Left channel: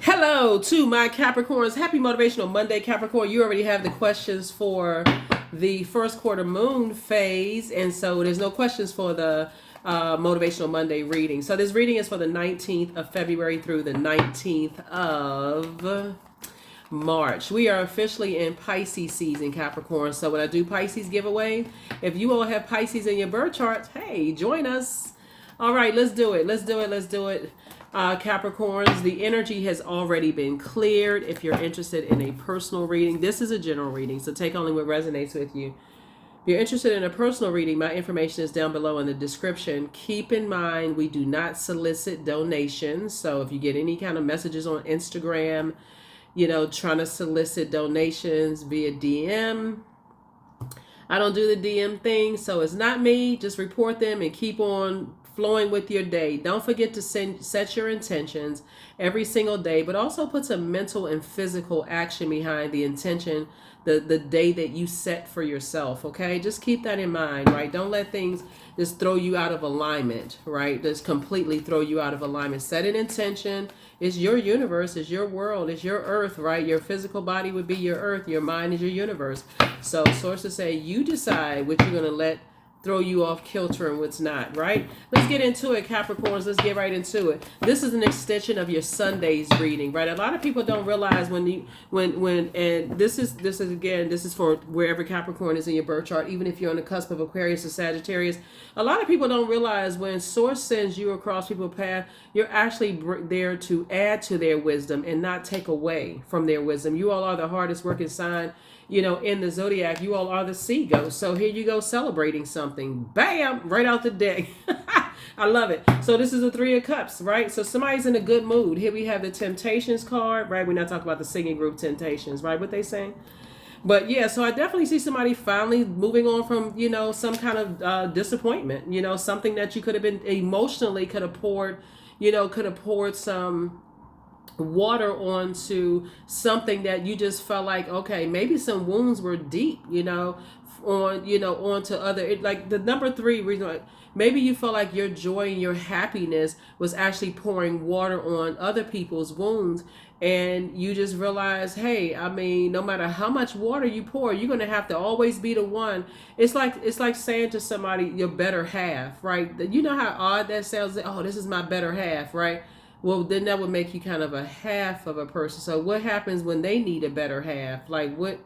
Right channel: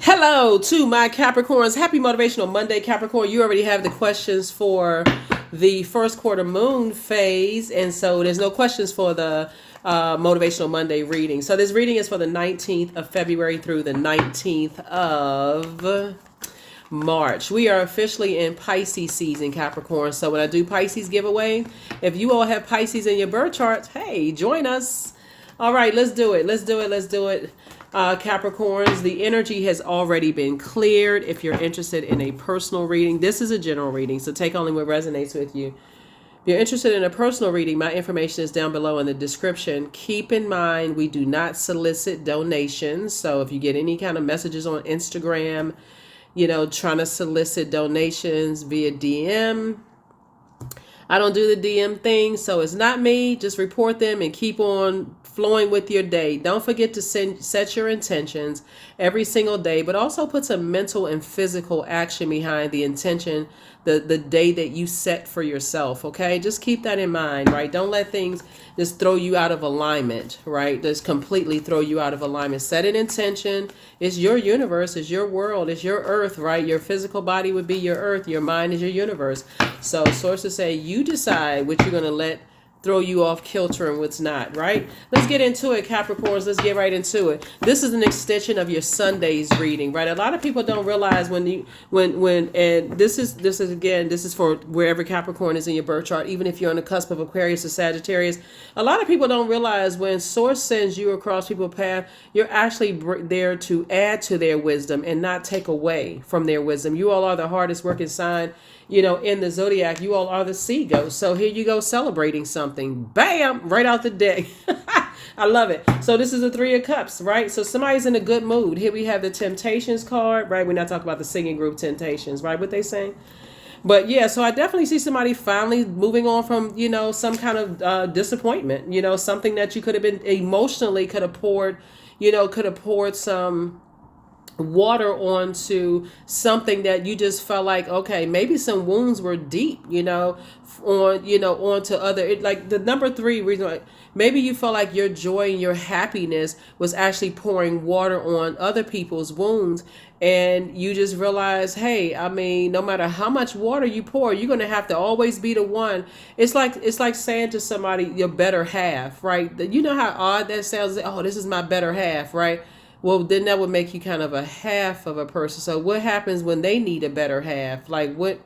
Hello to my Capricorns. Happy Motivational Monday, Capricorn. You already have the questions for the first quarter moon phase, and so there's no questions for the Motivational Monday reading. So this reading is for the 19th of February through the 19th of March. We are officially in Pisces season, Capricorn. So when I do Pisces giveaway, if you all have Pisces in your birth chart, hey, join us. All right, let's do it. Let's do it. Let's do it. Capricorns, the energy has already been cleared. If you're interested in a personal reading, this is a general reading, so take only what resonates with you. If you're interested in a personal reading, my information is down below in the description. Keep in mind, we do not solicit donations. So if you get any kind of messages on Instagram, trying to solicit donations via DM, I don't do the DM thing, so it's not me. Just report them and keep on flowing with your day. Don't forget to set your intentions every single day, but also put some mental and physical action behind the intention, the day that you set for yourself, okay? Just keep that in mind, right? Don't let things just throw you out of alignment, right? Just completely throw you out of alignment. Set an intention. It's your universe, it's your world, it's your earth, right? Your physical body would be your earth, your mind is your universe. So sources say you decide what you're going to let throw you off kilter and what's not, right? Let's get into it, Capricorns. Let's get right into it. This is an extension of your Sunday's reading, right? A lot of people don't realize and this is for wherever Capricorn is in your birth chart, even if you're on the cusp of Aquarius or Sagittarius. A lot of people don't realize when source sends you across people's path, you're actually there to add to their wisdom and not take away from their wisdom. You all are the hardest working sign in the Zodiac. You all are the sea ghosts. So here you go, celebrating something. Bam! Right out the deck. I love it. So this is the Three of Cups, right? So somebody's in a good mood. Here we have the Temptations card, right? We're not talking about the singing group Temptations, right? What they saying? But yeah, so I definitely see somebody finally moving on from, some kind of disappointment, something that you could have been emotionally could have poured some water onto something that you just felt like, okay, maybe some wounds were deep, onto other, like the number three reason why, maybe you felt like your joy and your happiness was actually pouring water on other people's wounds, and you just realize, hey, I mean, no matter how much water you pour, you're going to have to always be the one. It's like saying to somebody, your better half, right? You know how odd that sounds. Oh, this is my better half, right? Well, then that would make you kind of a half of a person. So what happens when they need a better half? Like what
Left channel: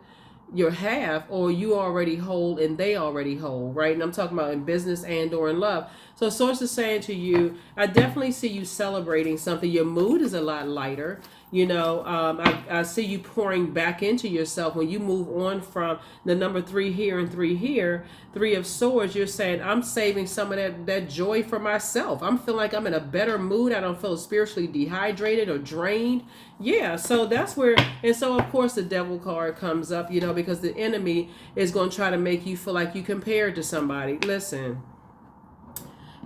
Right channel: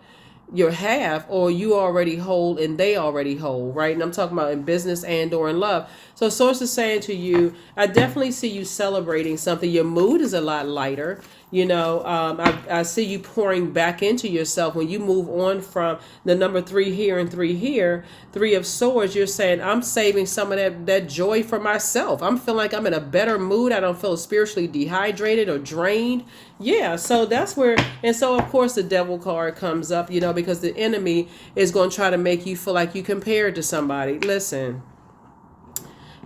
your half, or you already whole and they already whole, right? And I'm talking about in business and or in love. So source is saying to you, I definitely see you celebrating something. Your mood is a lot lighter. I see you pouring back into yourself when you move on from the number three here and three here, Three of Swords. You're saying, I'm saving some of that joy for myself. I'm feeling like I'm in a better mood. I don't feel spiritually dehydrated or drained. Yeah, so that's where, and so of course the Devil card comes up, because the enemy is going to try to make you feel like you compared to somebody. Listen,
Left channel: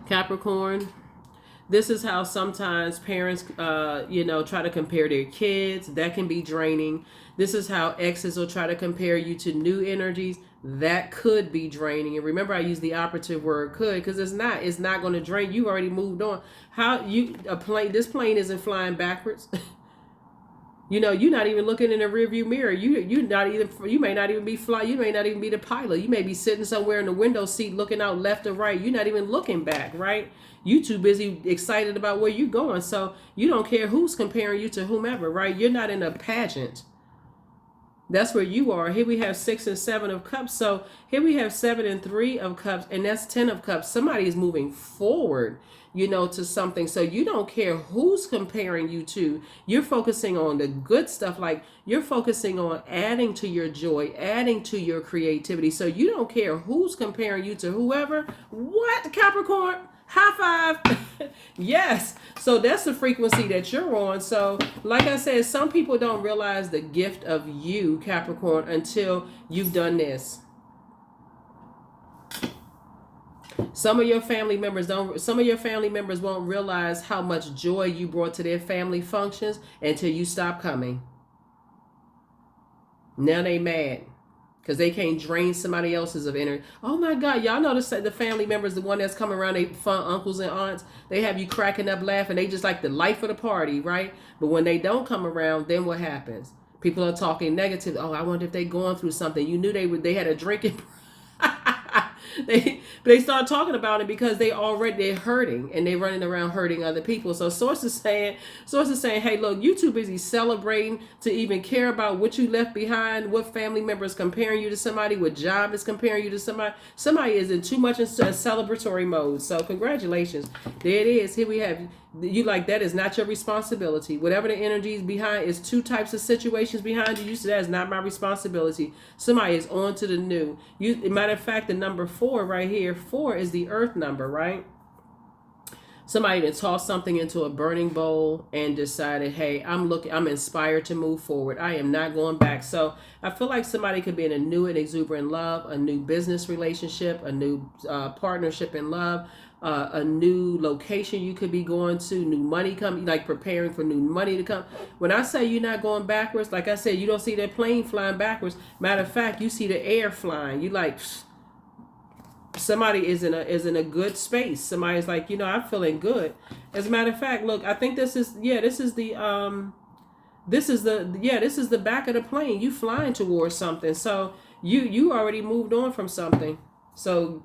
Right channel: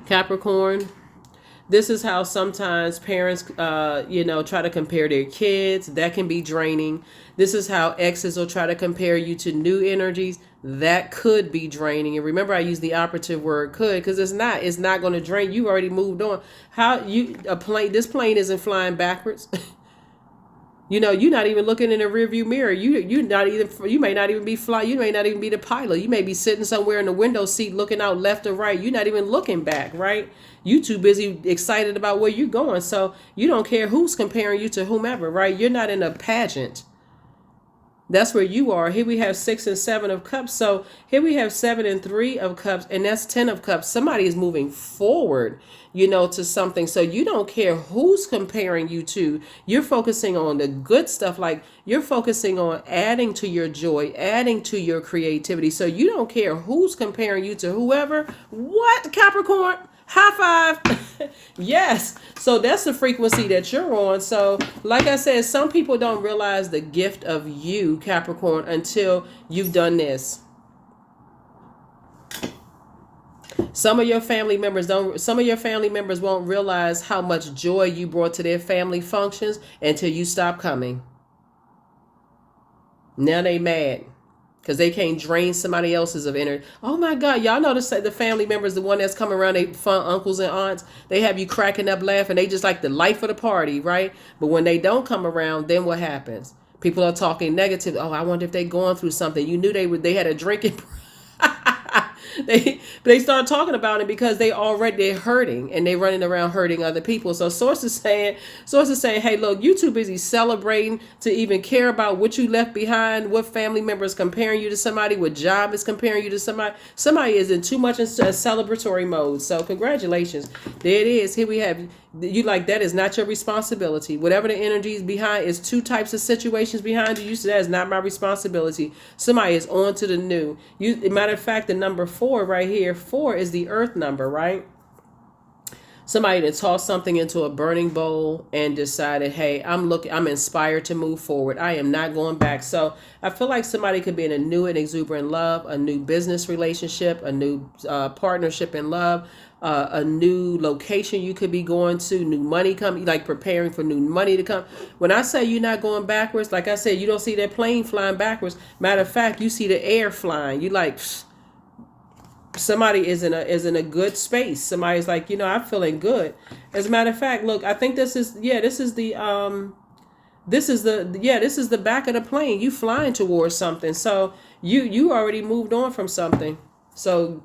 Capricorn, this is how sometimes parents, try to compare their kids. That can be draining. This is how exes will try to compare you to new energies. That could be draining. And remember, I use the operative word could, because it's not. It's not going to drain. You already moved on. This plane isn't flying backwards. You're not even looking in the rearview mirror. You may not even be fly. You may not even be the pilot. You may be sitting somewhere in the window seat looking out left or right. You're not even looking back, right? You too busy excited about where you're going. So you don't care who's comparing you to whomever, right? You're not in a pageant. That's where you are. Here we have 6 and 7 of cups. So here we have 7 and 3 of cups, and that's 10 of cups. Somebody is moving forward, to something. So you don't care who's comparing you to. You're focusing on the good stuff. Like you're focusing on adding to your joy, adding to your creativity. So you don't care who's comparing you to whoever. What, Capricorn? High five. Yes. So that's the frequency that you're on. So like I said, some people don't realize the gift of you, Capricorn, until you've done this. Some of your family members won't realize how much joy you brought to their family functions until you stop coming. Now they mad. because they can't drain somebody else's of energy. Oh my God, y'all notice that the family members, the one that's coming around, they fun uncles and aunts, they have you cracking up laughing. They just like the life of the party, right? But when they don't come around, then what happens? People are talking negative. Oh, I wonder if they going through something. You knew they had a drinking. They start talking about it because they're hurting and they're running around hurting other people. So sources saying, hey, look, you too busy celebrating to even care about what you left behind, what family member is comparing you to somebody, what job is comparing you to somebody. Somebody is in too much in celebratory mode. So congratulations. There it is. Here we have you, like, that is not your responsibility. Whatever the energy is behind is two types of situations behind you. You said that is not my responsibility. Somebody is on to the new. Matter of fact, the number 4 right here, 4 is the earth number, right? Somebody that tossed something into a burning bowl and decided, hey, I'm inspired to move forward. I am not going back. So I feel like somebody could be in a new and exuberant love, a new business relationship, a new partnership in love, a new location you could be going to, new money coming, like preparing for new money to come. When I say you're not going backwards, like I said, you don't see that plane flying backwards. Matter of fact, you see the air flying. You like, somebody is in a good space. Somebody's like, I'm feeling good. As a matter of fact, look, I think this is the back of the plane. You flying towards something. So you already moved on from something. So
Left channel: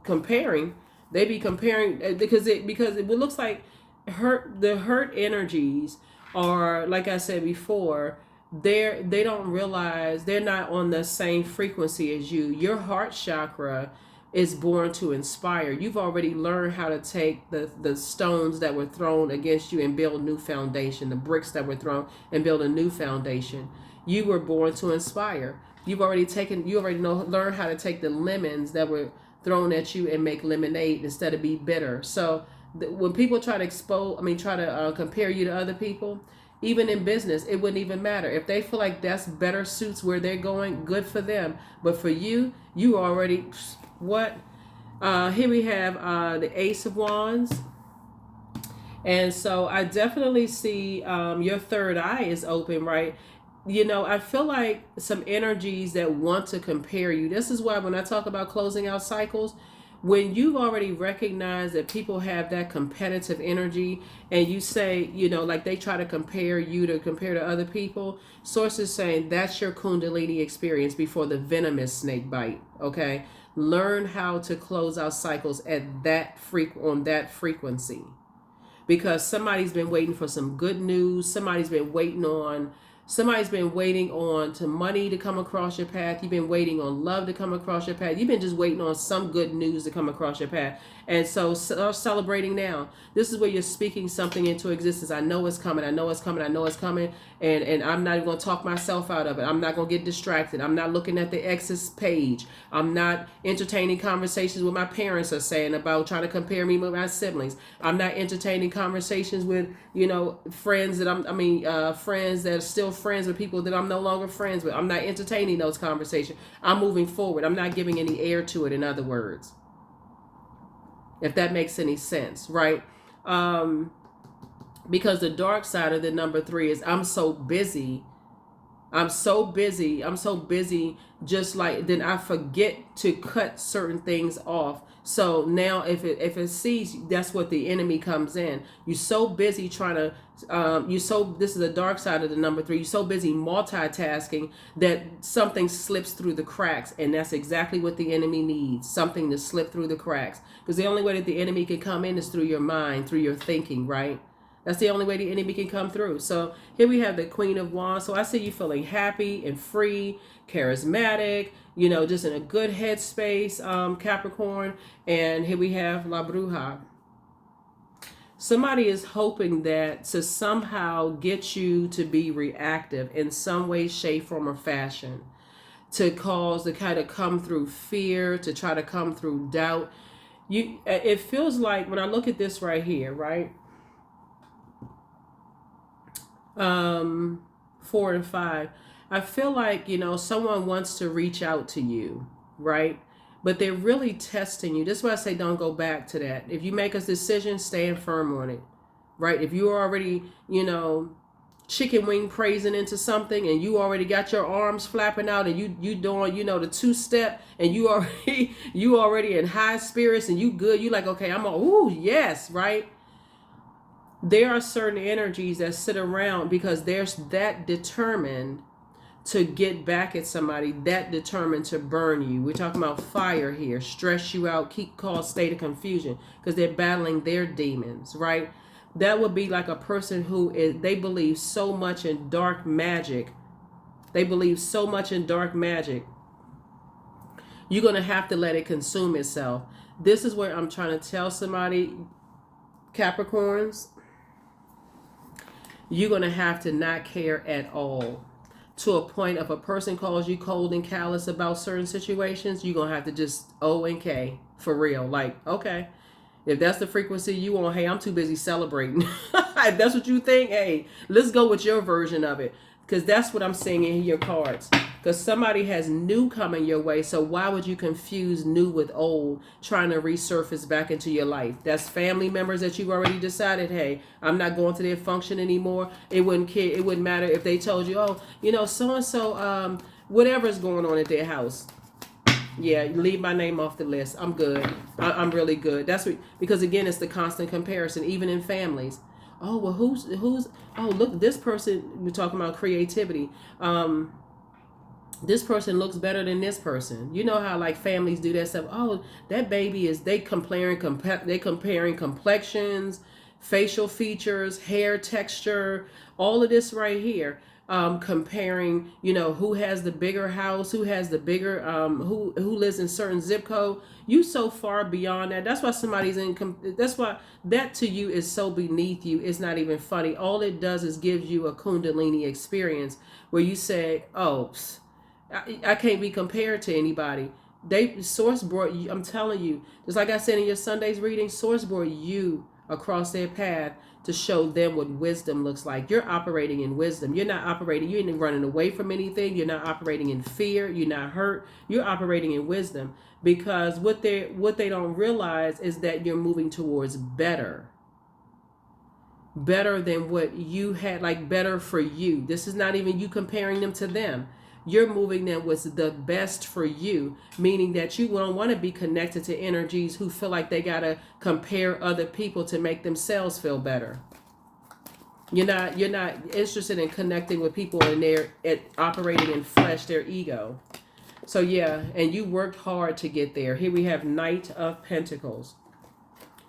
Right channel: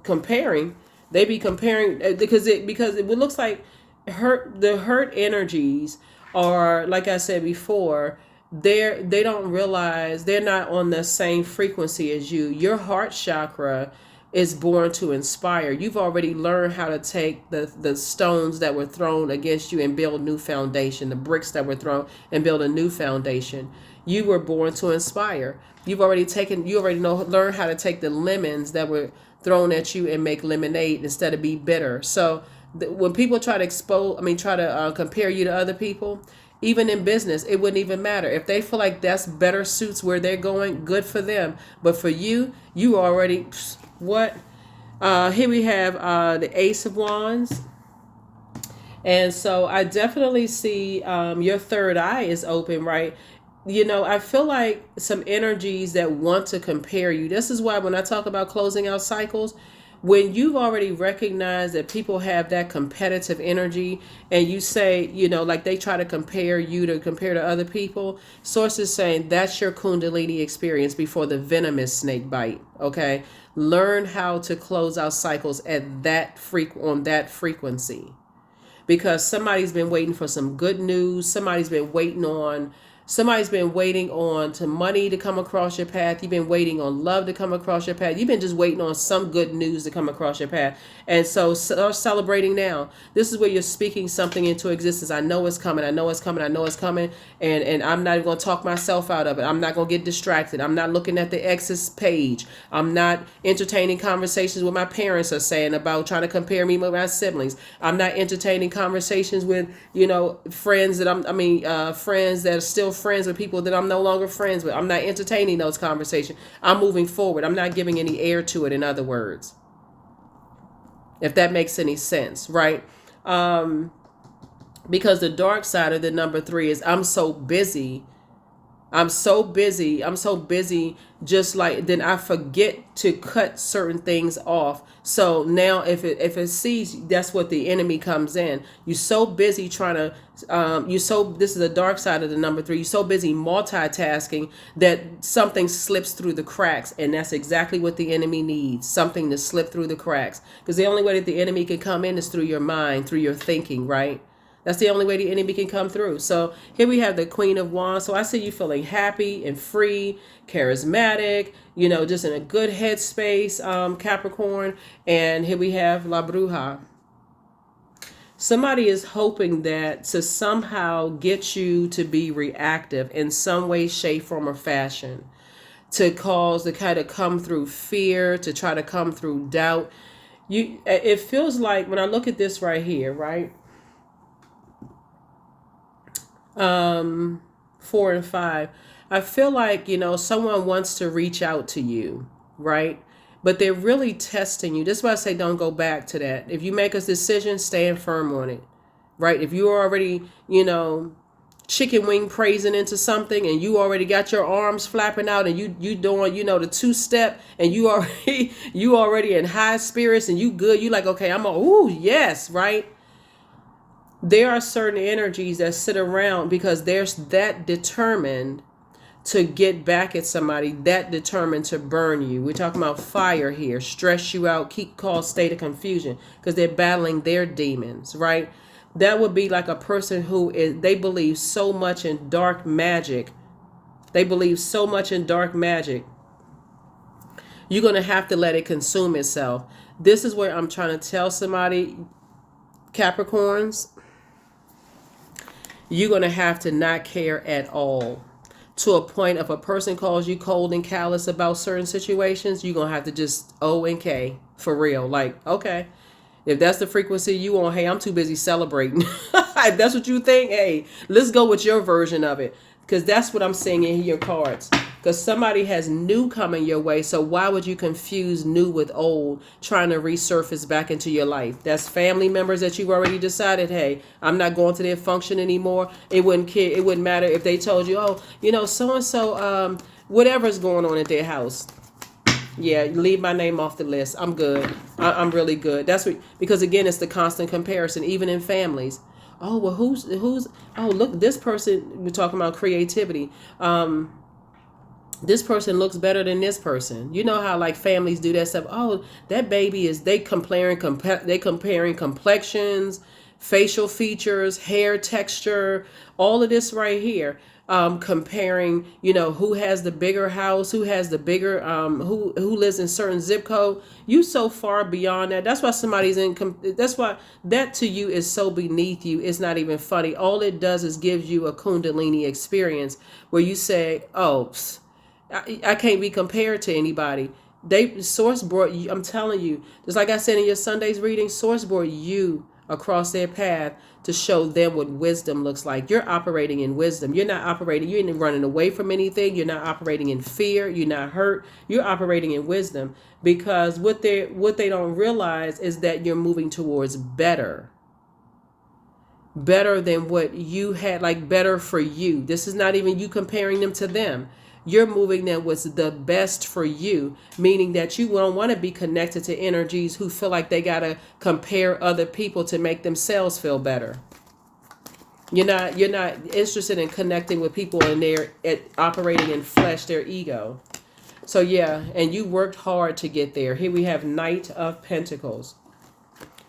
they be comparing because it looks like the hurt energies are, like I said before, they don't realize they're not on the same frequency as you. Your heart chakra is born to inspire. You've already learned how to take the stones that were thrown against you and build new foundation, the bricks that were thrown and build a new foundation. You were born to inspire. You already learned how to take the lemons that were thrown at you and make lemonade instead of be bitter. So when people try to compare you to other people, even in business, it wouldn't even matter. If they feel like that's better suits where they're going, good for them. But for you already, what? Here we have the Ace of Wands. And so I definitely see your third eye is open, right? I feel like some energies that want to compare you. This is why when I talk about closing out cycles, when you've already recognized that people have that competitive energy and you say, like they try to compare to other people, sources saying that's your Kundalini experience before the venomous snake bite. Okay. Learn how to close out cycles at on that frequency, because somebody's been waiting for some good news. Somebody's been waiting on to money to come across your path. You've been waiting on love to come across your path. You've been just waiting on some good news to come across your path. And so start celebrating now. This is where you're speaking something into existence. I know it's coming. I know it's coming. I know it's coming. And I'm not even going to talk myself out of it. I'm not going to get distracted. I'm not looking at the ex's page. I'm not entertaining conversations with my parents are saying about trying to compare me with my siblings. I'm not entertaining conversations with, friends that friends that are still friends with people that I'm no longer friends with. I'm not entertaining those conversations. I'm moving forward. I'm not giving any air to it, in other words. If that makes any sense, right? Because the dark side of the number 3 is I'm so busy, just like then I forget to cut certain things off. So now if it sees, that's what the enemy comes in. You're so busy trying to this is the dark side of the number 3. You're so busy multitasking that something slips through the cracks, and that's exactly what the enemy needs, something to slip through the cracks. Because the only way that the enemy can come in is through your mind, through your thinking, right? That's the only way the enemy can come through. So here we have the Queen of Wands. So I see you feeling happy and free, charismatic, just in a good headspace, Capricorn. And here we have La Bruja. Somebody is hoping that to somehow get you to be reactive in some way, shape, form, or fashion, to kind of come through fear, to try to come through doubt. It feels like when I look at this right here, right? 4 and 5, I feel like, someone wants to reach out to you, right? But they're really testing you. That's why I say don't go back to that. If you make a decision, stand firm on it, right? If you're already, chicken wing praising into something, and you already got your arms flapping out, and you doing, the 2-step, and you already you already in high spirits, and you good. You like, okay, I'm all, ooh, yes, right. There are certain energies that sit around because there's that determined to get back at somebody, that determined to burn you. We're talking about fire here, stress you out, keep cause state of confusion, because they're battling their demons, right? That would be like a person who is, they believe so much in dark magic. They believe so much in dark magic. You're going to have to let it consume itself. This is where I'm trying to tell somebody, Capricorns, you're going to have to not care at all. To a point, if a person calls you cold and callous about certain situations, you're going to have to just O and K for real. Like, okay, if that's the frequency you want, hey, I'm too busy celebrating. If that's what you think, hey, let's go with your version of it. Because that's what I'm seeing in your cards. Because somebody has new coming your way. So why would you confuse new with old, trying to resurface back into your life? That's family members that you've already decided, hey, I'm not going to their function anymore. It wouldn't care. It wouldn't matter if they told you, oh, so-and-so, whatever's going on at their house. Yeah, leave my name off the list. I'm good. I'm really good. That's what, because again, it's the constant comparison, even in families. Oh, well, who's, oh, look, this person, we're talking about creativity. This person looks better than this person. You know how like families do that stuff. Oh, that baby is, they comparing complexions, facial features, hair texture, all of this right here. Comparing, who has the bigger house, who has the bigger, who lives in certain zip code. You so far beyond that. That's why that's why that to you is so beneath you. It's not even funny. All it does is gives you a Kundalini experience where you say, oh, I can't be compared to anybody. Source brought you, I'm telling you, just like I said in your Sunday's reading, Source brought you across their path to show them what wisdom looks like. You're operating in wisdom. You're not operating, you ain't running away from anything. You're not operating in fear. You're not hurt. You're operating in wisdom, because what they don't realize is that you're moving towards better than what you had, like better for you. This is not even you comparing them to them. You're moving them what's the best for you, meaning that you don't want to be connected to energies who feel like they got to compare other people to make themselves feel better. You're not interested in connecting with people and they're operating in flesh, their ego. So yeah, and you worked hard to get there. Here we have Knight of Pentacles.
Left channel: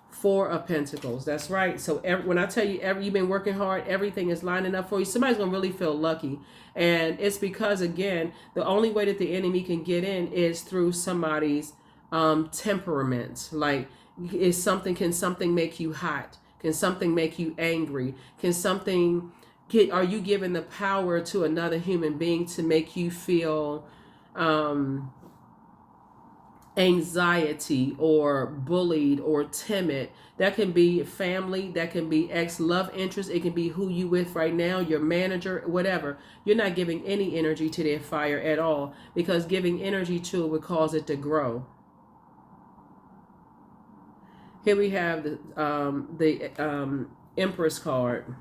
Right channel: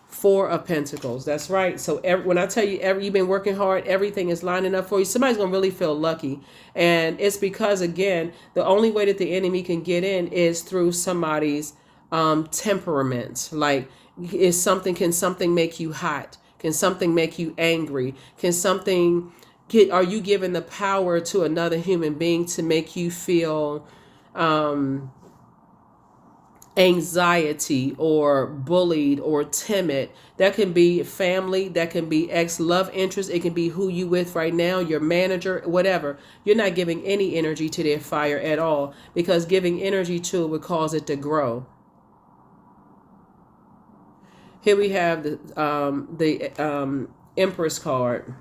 4 of Pentacles. That's right. So when I tell you you've been working hard, everything is lining up for you. Somebody's going to really feel lucky. And it's because, again, the only way that the enemy can get in is through somebody's temperament. Like, can something make you hot? Can something make you angry? Are you giving the power to another human being to make you feel anxiety or bullied or timid? That can be family, that can be ex-love interest, it can be who you with right now, your manager, whatever. You're not giving any energy to their fire at all, because giving energy to it would cause it to grow. Here we have the Empress card.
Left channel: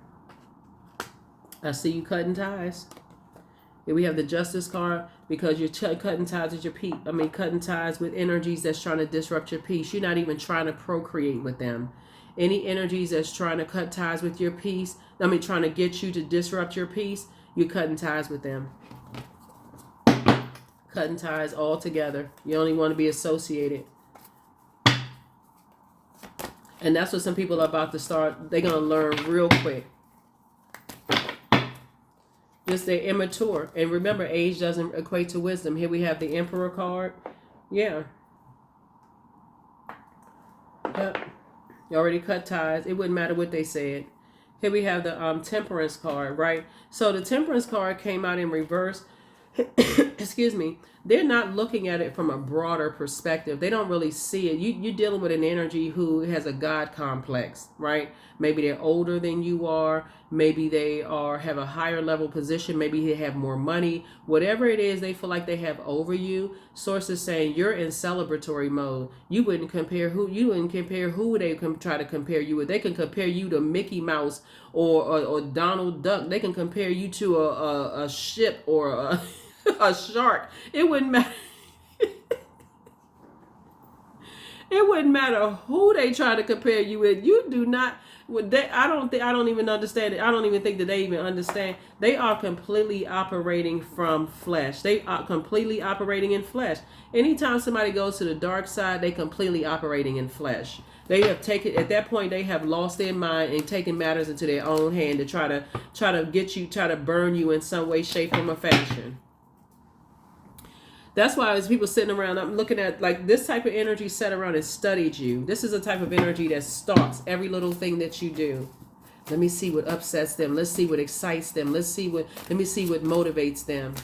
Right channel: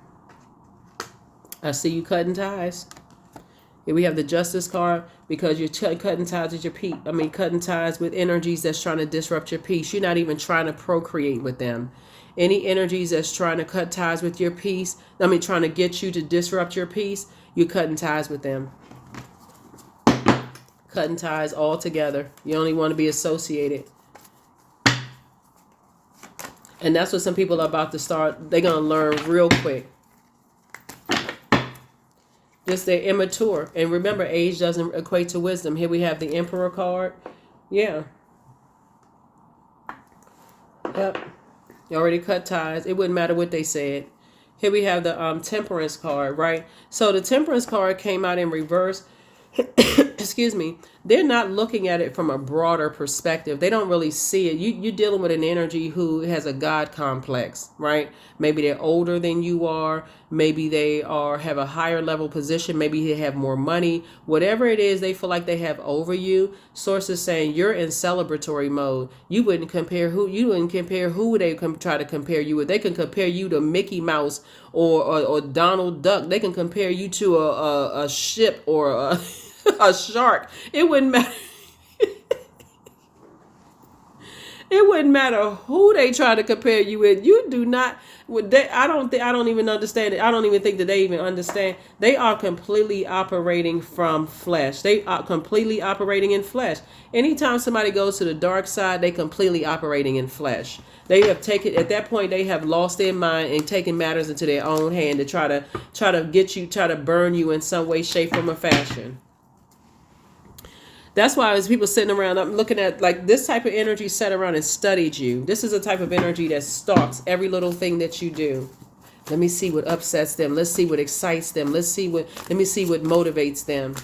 I see you cutting ties. Here we have the Justice card, because you're cutting ties with cutting ties with energies that's trying to disrupt your peace. You're not even trying to procreate with them. Any energies that's trying to cut ties with your peace, trying to get you to disrupt your peace, you're cutting ties with them. Cutting ties all together. You only want to be associated. And that's what some people are about to start. They're going to learn real quick. Just they're immature. And remember, age doesn't equate to wisdom. Here we have the Emperor card. Yeah. Yep. You already cut ties. It wouldn't matter what they said. Here we have the Temperance card, right? So the Temperance card came out in reverse. Excuse me. they're not looking at it from a broader perspective. They don't really see it. You're dealing with an energy who has a God complex, right? Maybe they're older than you are. Maybe they have a higher level position. Maybe they have more money. Whatever it is they feel like they have over you, Source is saying you're in celebratory mode. You wouldn't compare who they try to compare you with. They can compare you to Mickey Mouse or Donald Duck. They can compare you to a ship or a shark. It wouldn't matter. It wouldn't matter who they try to compare you with. You do not. I don't even understand it. I don't even think that they even understand. They are completely operating from flesh. They are completely operating in flesh. Anytime somebody goes to the dark side, they completely operating in flesh. They have taken, at that point, they have lost their mind and taken matters into their own hand to try to get you, try to burn you in some way, shape, form, or fashion. That's why as people sitting around, I'm looking at like this type of energy sat around and studied you. This is a type of energy that stalks every little thing that you do. Let me see what upsets them. Let's see what excites them. Let me see what motivates them.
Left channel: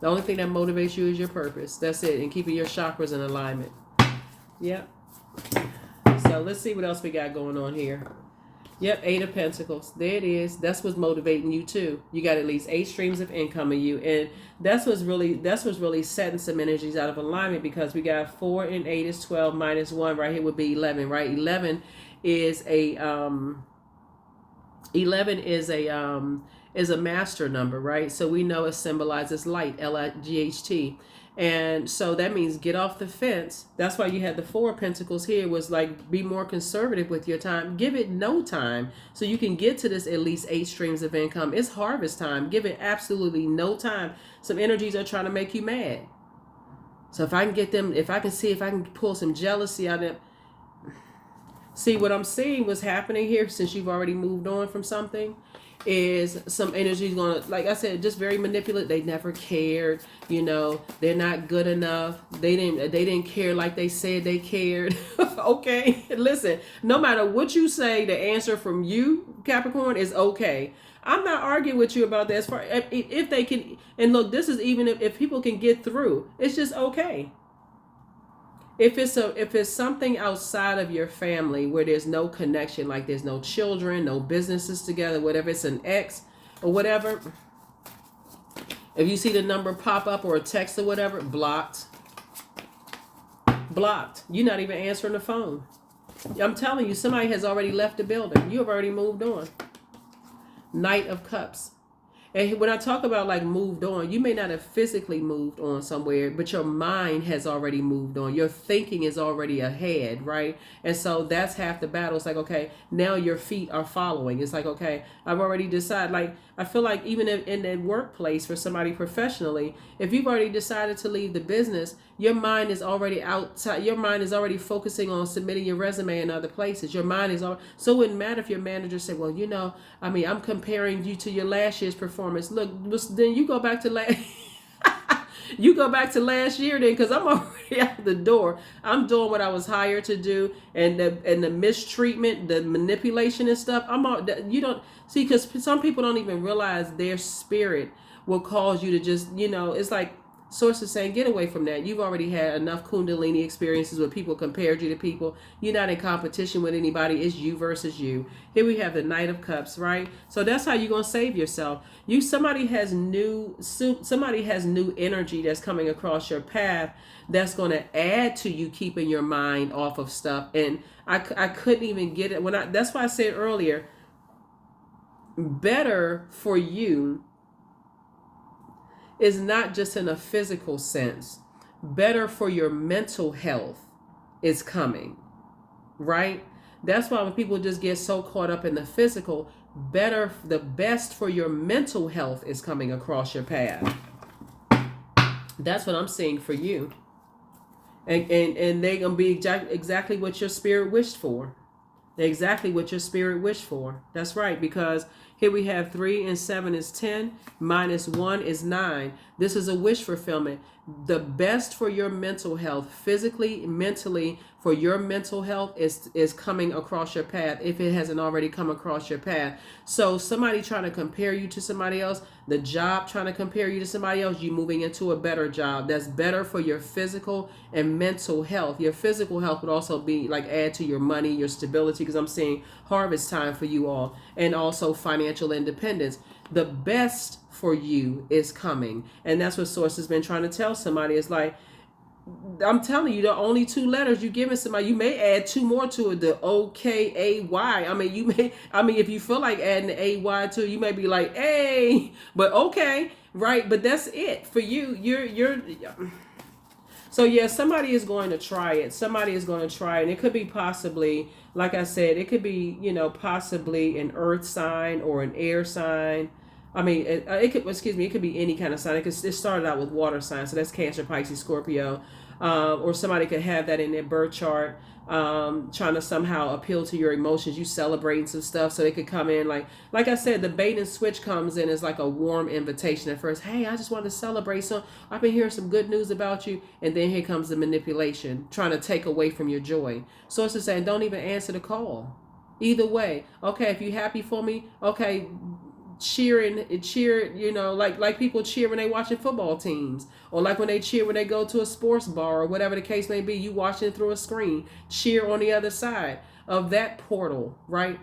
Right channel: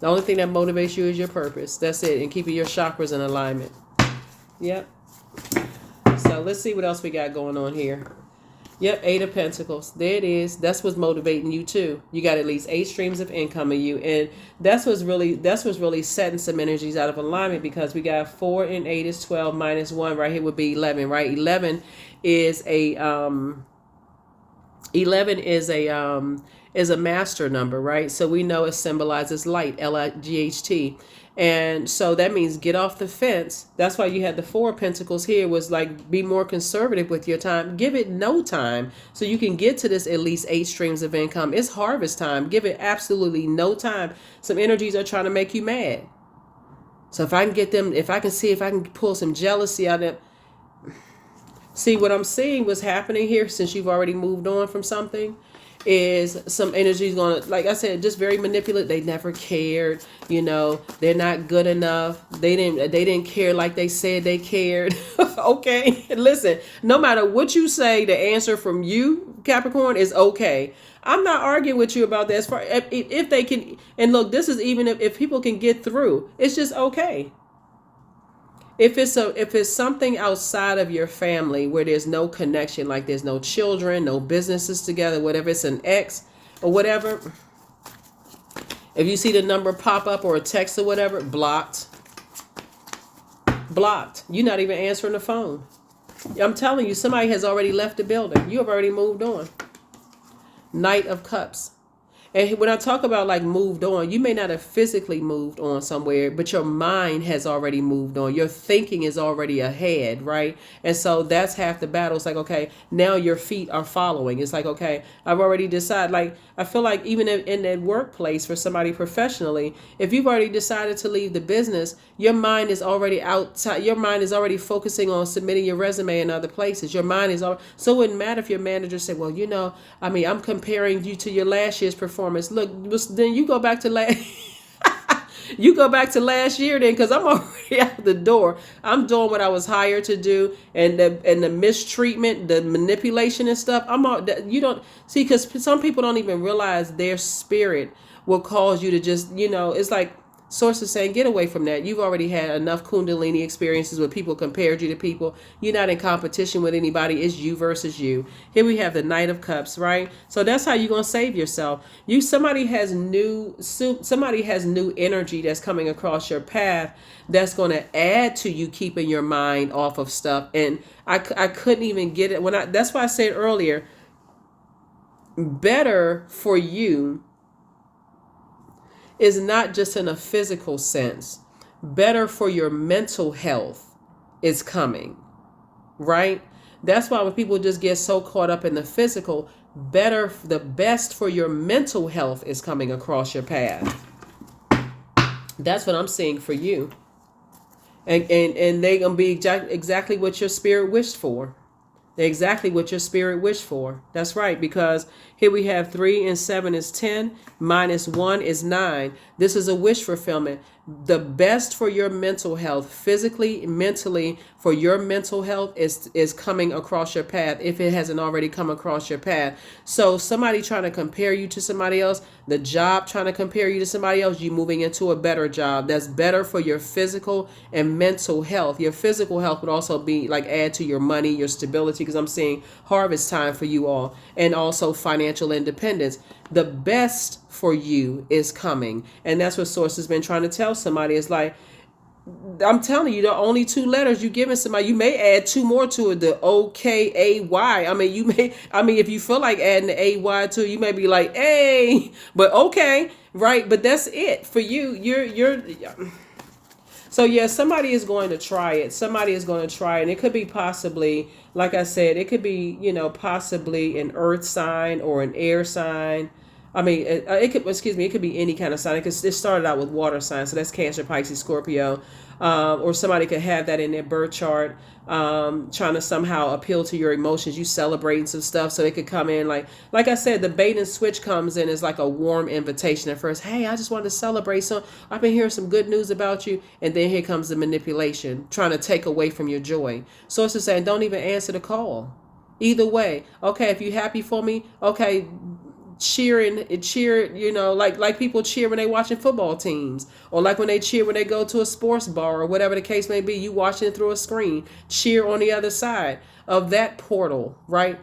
The only thing that motivates you is your purpose. That's it. And keeping your chakras in alignment. Yep. So let's see what else we got going on here. Yep, 8 of Pentacles. There it is. That's what's motivating you too. You got at least 8 streams of income in you, and that's what's really setting some energies out of alignment, because we got 4 and 8 is 12 minus 1 right here would be 11, right? 11 is a master number, right? So we know it symbolizes light, L-I-G-H-T. And so that means get off the fence. That's why you had the 4 of Pentacles here, was like, be more conservative with your time. Give it no time so you can get to this at least 8 streams of income. It's harvest time. Give it absolutely no time. Some energies are trying to make you mad. So if I can get them, if I can pull some jealousy out of it. See, what I'm seeing was happening here, since you've already moved on from something, is some energy's gonna, like I said, just very manipulative. They never cared, they're not good enough. They didn't care like they said they cared. Okay, listen, no matter what you say, the answer from you, Capricorn, is okay. I'm not arguing with you about that. As far if they can, and look, this is even if people can get through, it's just okay. If it's something outside of your family where there's no connection, like there's no children, no businesses together, whatever, it's an ex or whatever. If you see the number pop up or a text or whatever, blocked. Blocked. You're not even answering the phone. I'm telling you, somebody has already left the building. You have already moved on. Knight of Cups. And when I talk about like moved on, you may not have physically moved on somewhere, but your mind has already moved on. Your thinking is already ahead, right? And so that's half the battle. It's like, okay, now your feet are following. It's like, okay, I've already decided. Like, I feel like even in that workplace for somebody professionally, if you've already decided to leave the business, your mind is already outside. Your mind is already focusing on submitting your resume in other places. Your mind is all. So it wouldn't matter if your manager said, well, I'm comparing you to your last year's performance. Look, then you go back to last. You go back to last year then, because I'm already out the door. I'm doing what I was hired to do, and the mistreatment, the manipulation and stuff. You don't see, because some people don't even realize their spirit will cause you to just, it's like sources saying, get away from that. You've already had enough Kundalini experiences where people compared you to people. You're not in competition with anybody. It's you versus you. Here we have the Knight of Cups, right? So that's how you're going to save yourself. Somebody has new energy that's coming across your path that's going to add to you keeping your mind off of stuff. And I couldn't even get it that's why I said earlier, better for you is not just in a physical sense. Better for your mental health is coming, right? That's why when people just get so caught up in the physical, the best for your mental health is coming across your path. That's what I'm seeing for you. And they're going to be exactly what your spirit wished for. They're exactly what your spirit wished for. That's right, because here we have 3 and 7 is 10, minus 1 is 9. This is a wish fulfillment. The best for your mental health, physically, mentally, for your mental health is coming across your path if it hasn't already come across your path. So somebody trying to compare you to somebody else, the job trying to compare you to somebody else, you moving into a better job that's better for your physical and mental health. Your physical health would also be like add to your money, your stability, because I'm seeing harvest time for you all, and also financial independence. The best for you is coming, and that's what source has been trying to tell somebody. It's like, I'm telling you, the only two letters you giving somebody, you may add two more to it, the OKAY. I mean, if you feel like adding the AY to it, you may be like, hey, but okay, right? But that's it for you. You're so yeah, somebody is going to try it. Somebody is going to try it. And it could be possibly, like I said, it could be, possibly an earth sign or an air sign. I mean, it could, excuse me, it could be any kind of sign. It started out with water signs. So that's Cancer, Pisces, Scorpio. Or somebody could have that in their birth chart, trying to somehow appeal to your emotions. You celebrating some stuff, so it could come in like I said, the bait and switch comes in as like a warm invitation at first. Hey, I just wanted to celebrate. So I've been hearing some good news about you, and then here comes the manipulation, trying to take away from your joy. So it's just saying, don't even answer the call. Either way, okay, if you're happy for me, okay, cheer, like people cheer when they watching football teams, or like when they cheer when they go to a sports bar, or whatever the case may be. You watching it through a screen. Cheer on the other side of that portal, right?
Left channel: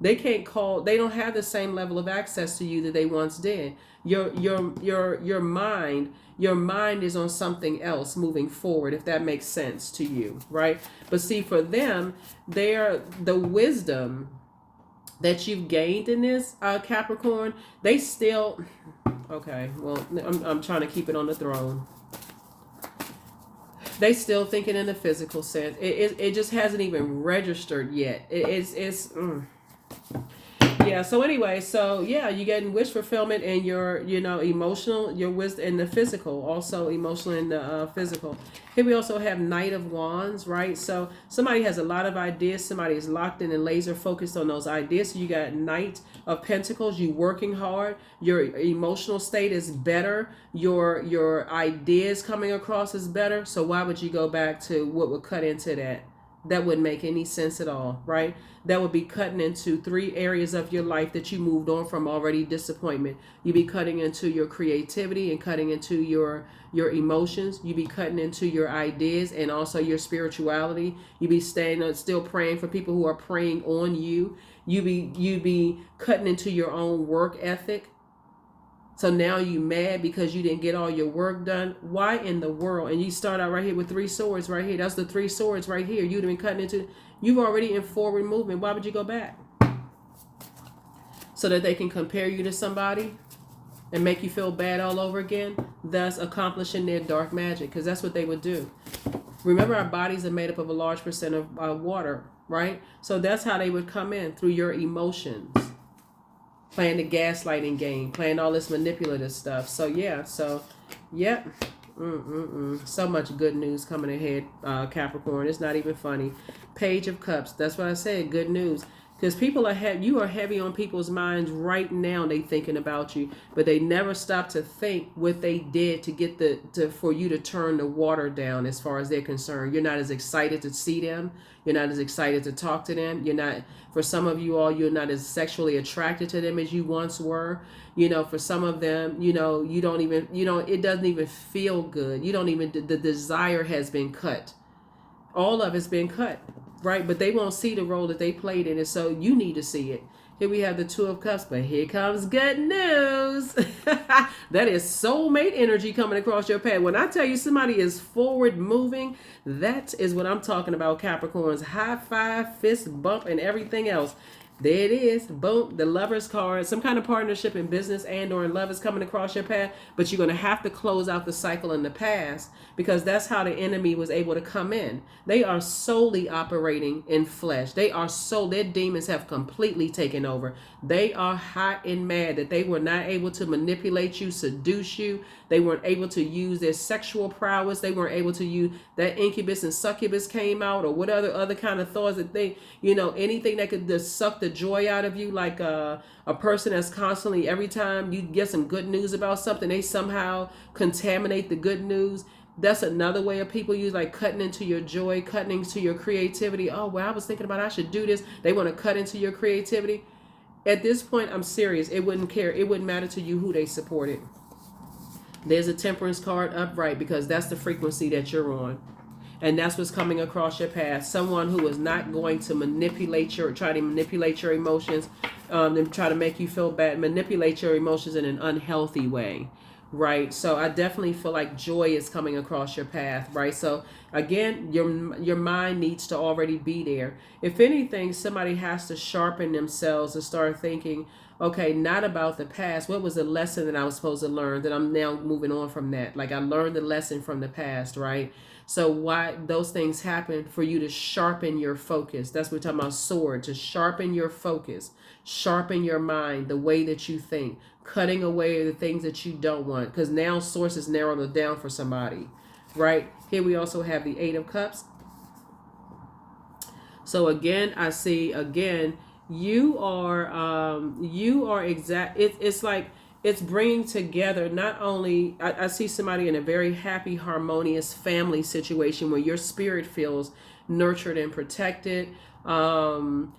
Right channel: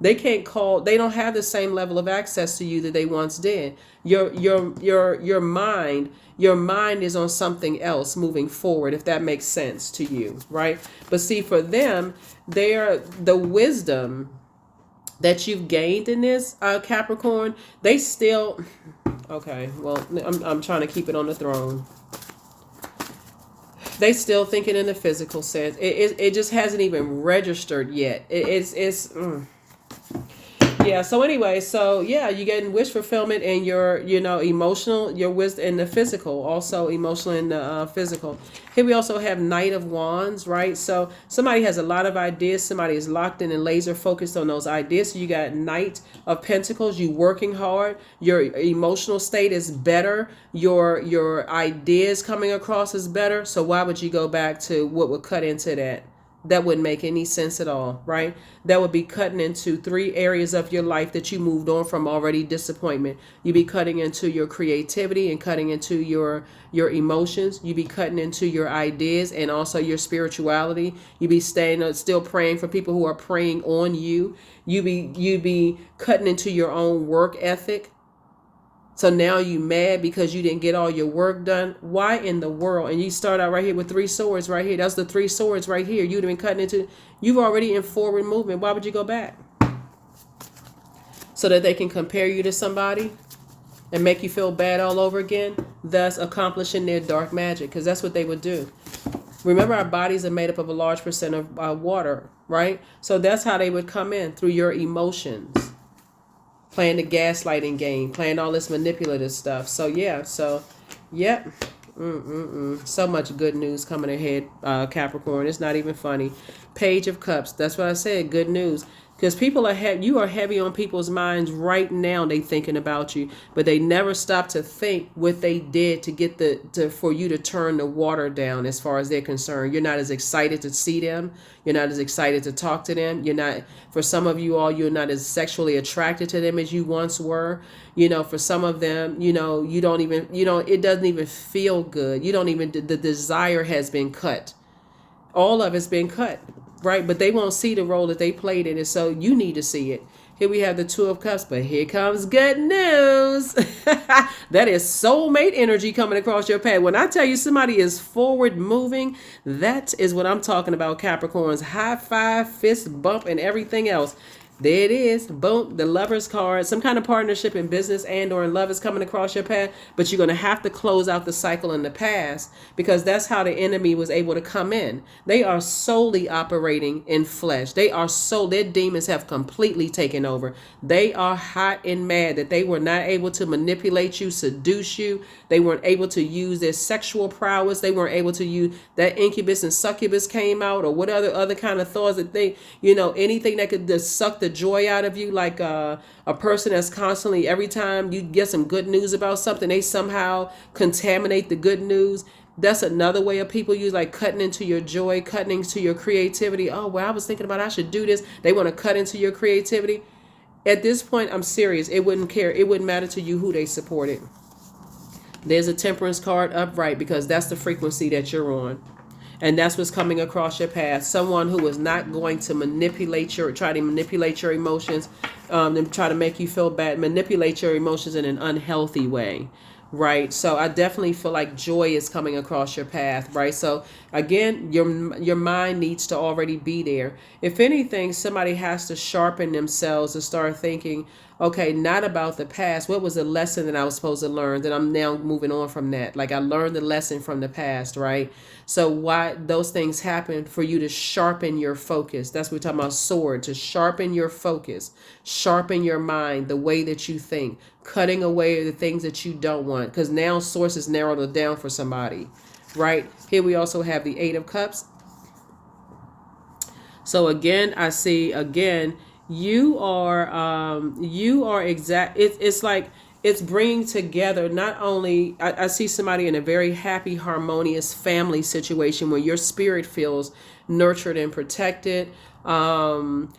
They don't have the same level of access to you that they once did. Your mind is on something else moving forward, if that makes sense to you, right? But see, for them, the wisdom that you've gained in this, Capricorn, they still, okay, well, I'm trying to keep it on the throne. They still thinking in the physical sense. It just hasn't even registered yet. Yeah, so anyway, so yeah, you're getting wish fulfillment and your, emotional, your wisdom, and the physical, also emotional and the physical. Here we also have Knight of Wands, right? So somebody has a lot of ideas. Somebody is locked in and laser focused on those ideas. So you got Knight of Pentacles. You working hard. Your emotional state is better. Your ideas coming across is better. So why would you go back to what would cut into that? That wouldn't make any sense at all, right? That would be cutting into 3 areas of your life that you moved on from already. Disappointment. You'd be cutting into your creativity and cutting into your emotions. You'd be cutting into your ideas and also your spirituality. You'd be still praying for people who are preying on you. You'd be cutting into your own work ethic. So now you mad because you didn't get all your work done. Why in the world? And you start out right here with 3 swords right here. That's the 3 swords right here. You'd have been cutting into. You've already in forward movement. Why would you go back? So that they can compare you to somebody and make you feel bad all over again, thus accomplishing their dark magic, because that's what they would do. Remember, our bodies are made up of a large percent of water, right? So that's how they would come in, through your emotions. Playing the gaslighting game, playing all this manipulative stuff. So yeah, so so much good news coming ahead, Capricorn. It's not even funny. Page of Cups. That's what I said. Good news. Because people are you are heavy on people's minds right now. They thinking about you, but they never stop to think what they did to get for you to turn the water down. As far as they're concerned, you're not as excited to see them. You're not as excited to talk to them. You're not. For some of you all, you're not as sexually attracted to them as you once were. For some of them, you don't even, it doesn't even feel good. You don't even. The desire has been cut. All of it's been cut. Right, but they won't see the role that they played in it, so you need to see it. Here we have the 2 of Cups, but here comes good news. That is soulmate energy coming across your path. When I tell you somebody is forward moving, that is what I'm talking about, Capricorns. High five, fist bump, and everything else. There it is. Boom. The Lover's card. Some kind of partnership in business and or in love is coming across your path. But you're going to have to close out the cycle in the past, because that's how the enemy was able to come in. They are solely operating in flesh. Their demons have completely taken over. They are hot and mad that they were not able to manipulate you, seduce you. They weren't able to use their sexual prowess. They weren't able to use that incubus and succubus came out, or what other kind of thoughts that they, anything that could just suck the joy out of you, like a person that's constantly, every time you get some good news about something, they somehow contaminate the good news. That's another way of people use, like cutting into your joy, cutting into your creativity. Oh, well, I was thinking about I should do this. They want to cut into your creativity. At this point, I'm serious. It wouldn't care. It wouldn't matter to you who they supported. There's a temperance card upright because that's the frequency that you're on. And that's what's coming across your path. Someone who is not going to try to manipulate your emotions, and try to make you feel bad, manipulate your emotions in an unhealthy way, right? So I definitely feel like joy is coming across your path, right? So again, your mind needs to already be there. If anything, somebody has to sharpen themselves and start thinking, okay, not about the past. What was the lesson that I was supposed to learn that I'm now moving on from that? Like I learned the lesson from the past, right? So why those things happen for you to sharpen your focus. That's what we're talking about, sword, to sharpen your focus, sharpen your mind, the way that you think, cutting away the things that you don't want. Because now source is narrowed it down for somebody, right? Here we also have the 8 of Cups. So again, I see again, you are exact. It's like it's bringing together not only, I see somebody in a very happy, harmonious family situation where your spirit feels nurtured and protected. Family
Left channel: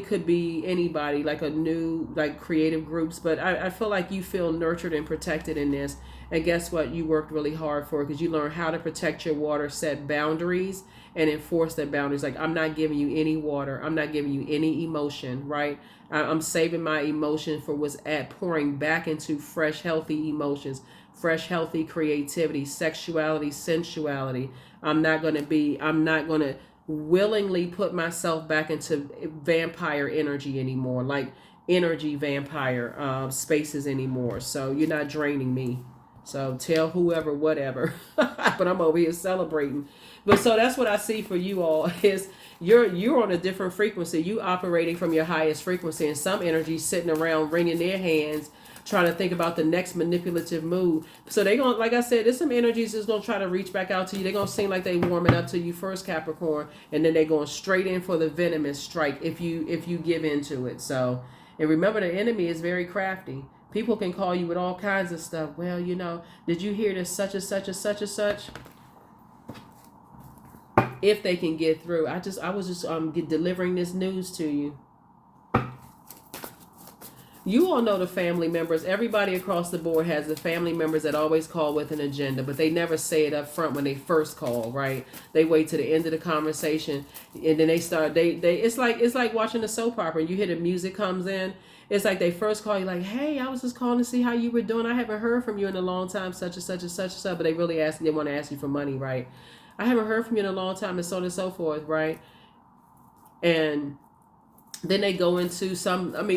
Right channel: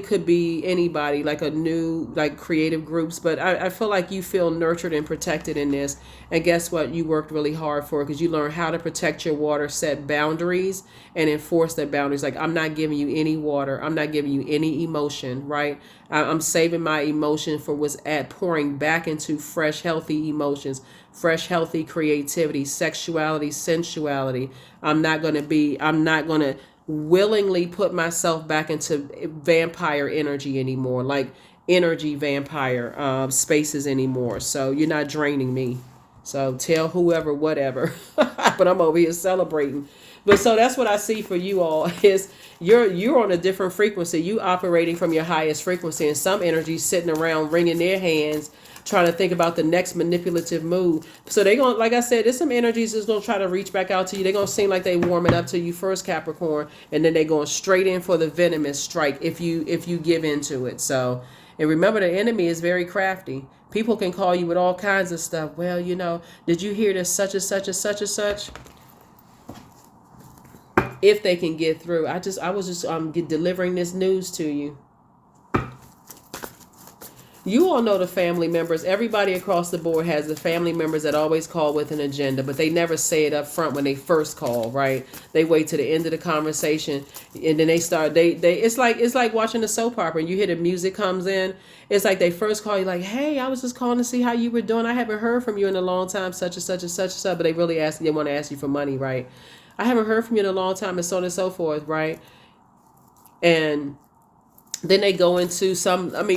could be anybody, like a new, like creative groups, but I feel like you feel nurtured and protected in this. And guess what? You worked really hard for it because you learned how to protect your water, set boundaries, and enforce that boundaries. Like, I'm not giving you any water. I'm not giving you any emotion, right? I'm saving my emotion for what's pouring back into fresh, healthy emotions, fresh, healthy creativity, sexuality, sensuality. I'm not going to willingly put myself back into vampire energy anymore, like energy vampire spaces anymore. So you're not draining me. So tell whoever, whatever, but I'm over here celebrating. But so that's what I see for you all is you're on a different frequency. You operating from your highest frequency, and some energy sitting around wringing their hands, trying to think about the next manipulative move. So they're going, like I said, there's some energies that's going to try to reach back out to you. They're going to seem like they warming up to you first, Capricorn, and then they're going straight in for the venomous strike if you give into it. So, and remember, the enemy is very crafty. People can call you with all kinds of stuff. Well, did you hear this such and such and such and such? If they can get through. I was just delivering this news to you. You all know the family members. Everybody across the board has the family members that always call with an agenda, but they never say it up front when they first call, right? They wait to the end of the conversation, and then they start. It's like watching a soap opera. And you hear the music comes in. It's like they first call you, like, "Hey, I was just calling to see how you were doing. I haven't heard from you in a long time, such and such and such and such." But they really want to ask you for money, right? I haven't heard from you in a long time, and so on and so forth, right? And then they go into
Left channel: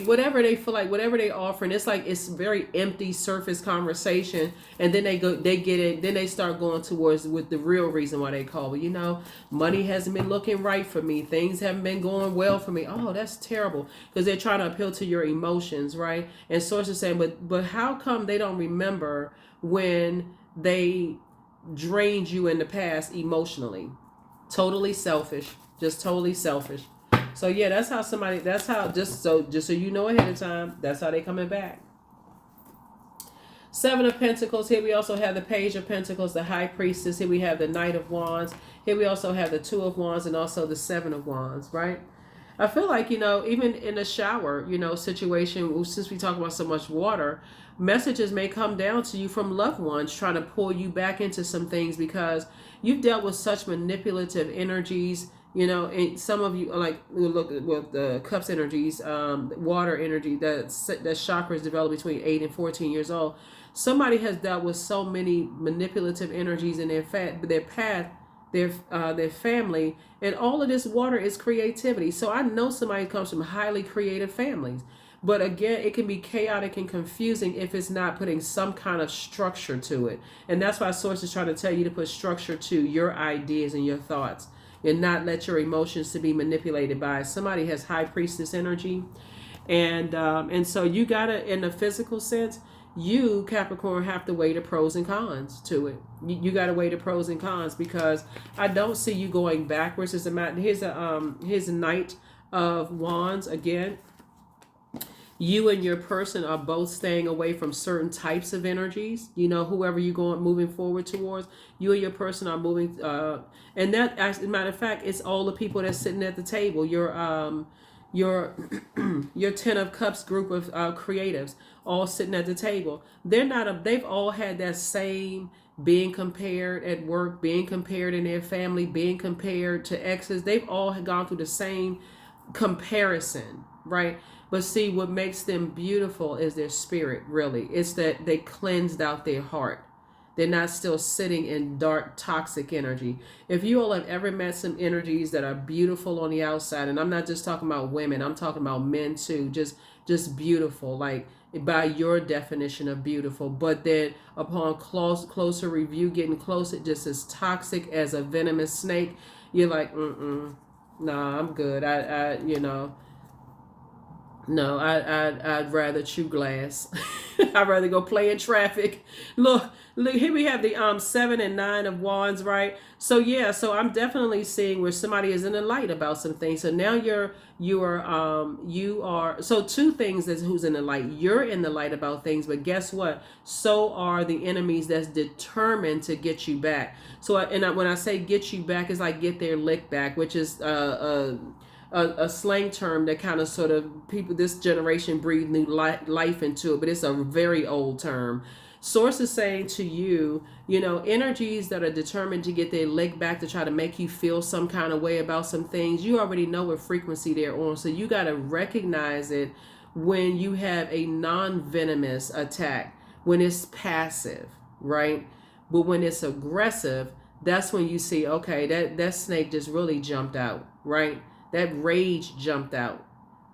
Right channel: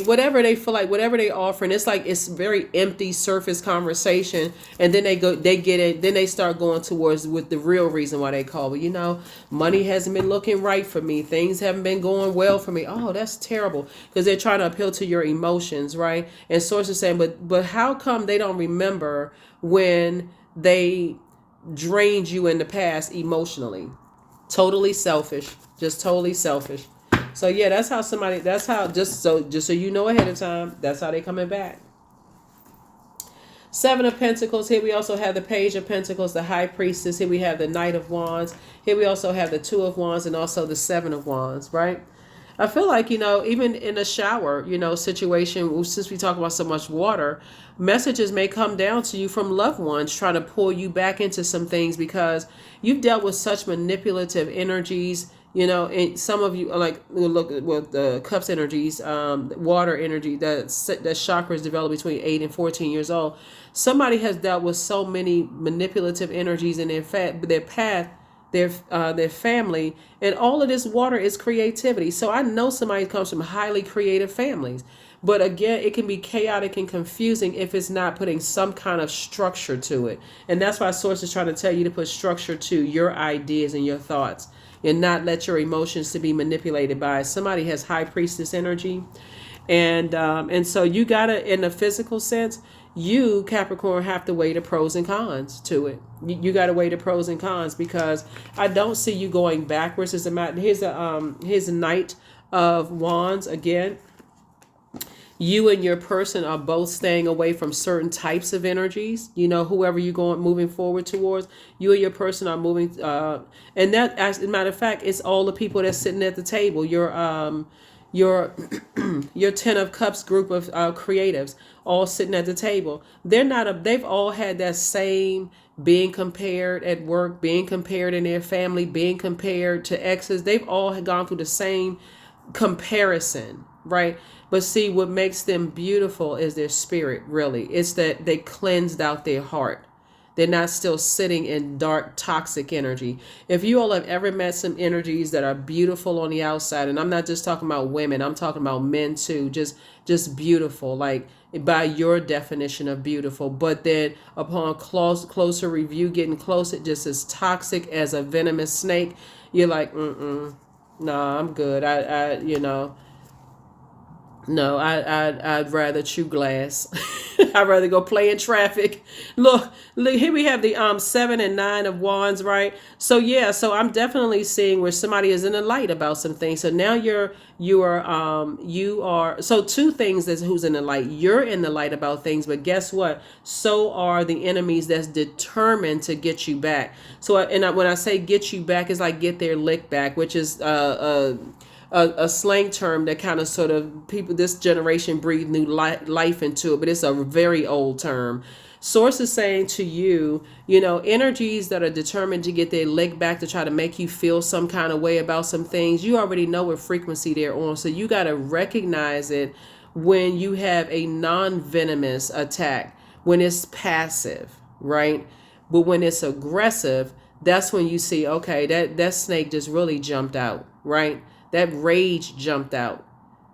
whatever they feel like, whatever they offering. It's like it's very empty surface conversation, and then they get it, then they start going towards with the real reason why they call. But money hasn't been looking right for me. Things haven't been going well for me. Oh, that's terrible, because they're trying to appeal to your emotions, right? And sources saying, but how come they don't remember when they drained you in the past emotionally? Totally selfish, just totally selfish. So yeah, just so you know ahead of time, that's how they coming back. 7 of Pentacles. Here we also have the Page of Pentacles, the High Priestess. Here we have the Knight of Wands. Here we also have the 2 of Wands and also the 7 of Wands, right? I feel like, even in a shower, situation, since we talk about so much water, messages may come down to you from loved ones trying to pull you back into some things because you've dealt with such manipulative energies. And some of you are like, look with the Cups energies, water energy, that chakras develop between 8 and 14 years old. Somebody has dealt with so many manipulative energies in their path, their family, and all of this water is creativity. So I know somebody comes from highly creative families. But again, it can be chaotic and confusing if it's not putting some kind of structure to it. And that's why Source is trying to tell you to put structure to your ideas and your thoughts, and not let your emotions to be manipulated by it. Somebody has High Priestess energy. And so you gotta, in the physical sense, you, Capricorn, have to weigh the pros and cons to it. You gotta weigh the pros and cons, because I don't see you going backwards. Here's a Knight of Wands, again, you and your person are both staying away from certain types of energies. You know, whoever you're going moving forward towards, you and your person are moving. And that, as a matter of fact, it's all the people that's sitting at the table. Your your 10 of Cups group of creatives all sitting at the table. They're not a. They've all had that same being compared at work, being compared in their family, being compared to exes. They've all gone through the same comparison, right? But see, what makes them beautiful is their spirit, really. It's that they cleansed out their heart. They're not still sitting in dark, toxic energy. If you all have ever met some energies that are beautiful on the outside, and I'm not just talking about women, I'm talking about men too, just beautiful, like by your definition of beautiful. But then upon closer review, getting close, it just as toxic as a venomous snake. You're like, no, I'm good. No, I'd rather chew glass. I'd rather go play in traffic. Look, here we have the 7 and 9 of Wands, right? So yeah, so I'm definitely seeing where somebody is in the light about some things. So now you are so two things that's who's in the light. You're in the light about things, but guess what? So are the enemies that's determined to get you back. So when I say get you back, it's like get their lick back, which is a slang term that kind of sort of people this generation breathe new life into it, but it's a very old term. Source is saying to you, energies that are determined to get their leg back to try to make you feel some kind of way about some things, you already know what frequency they're on. So you got to recognize it when you have a non-venomous attack, when it's passive, right? But when it's aggressive, that's when you see, okay, that snake just really jumped out, right? That rage jumped out.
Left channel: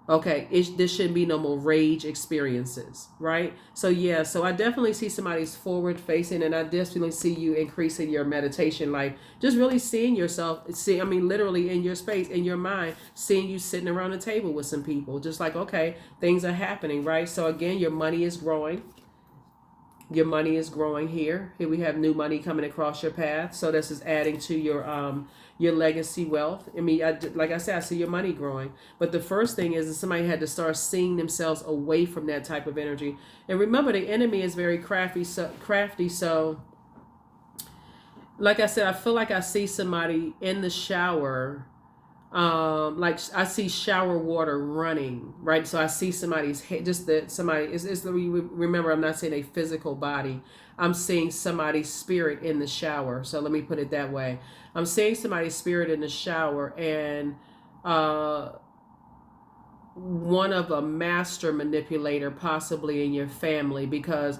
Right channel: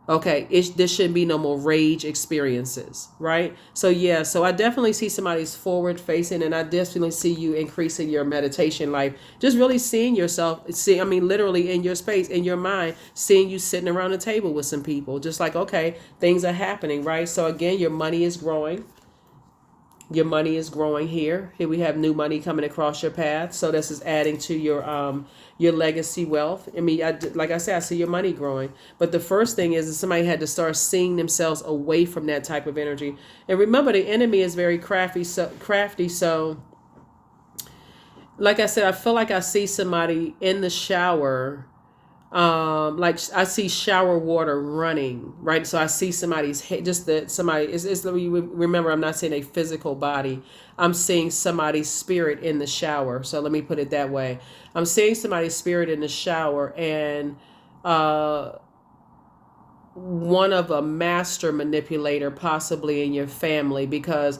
Okay, there shouldn't be no more rage experiences, right? So yeah, so I definitely see somebody's forward facing, and I definitely see you increasing your meditation life. Just really seeing yourself, literally in your space, in your mind, seeing you sitting around the table with some people. Just like, okay, things are happening, right? So again, your money is growing. Your money is growing here. Here we have new money coming across your path. So this is adding to your legacy wealth. Like I said, I see your money growing. But the first thing is that somebody had to start seeing themselves away from that type of energy. And remember, the enemy is very crafty. So like I said, I feel like I see somebody in the shower. Like I see shower water running, right? So I see somebody's head, just that somebody is remember, I'm not saying a physical body. I'm seeing somebody's spirit in the shower. So let me put it that way. I'm seeing somebody's spirit in the shower, and one of a master manipulator possibly in your family, because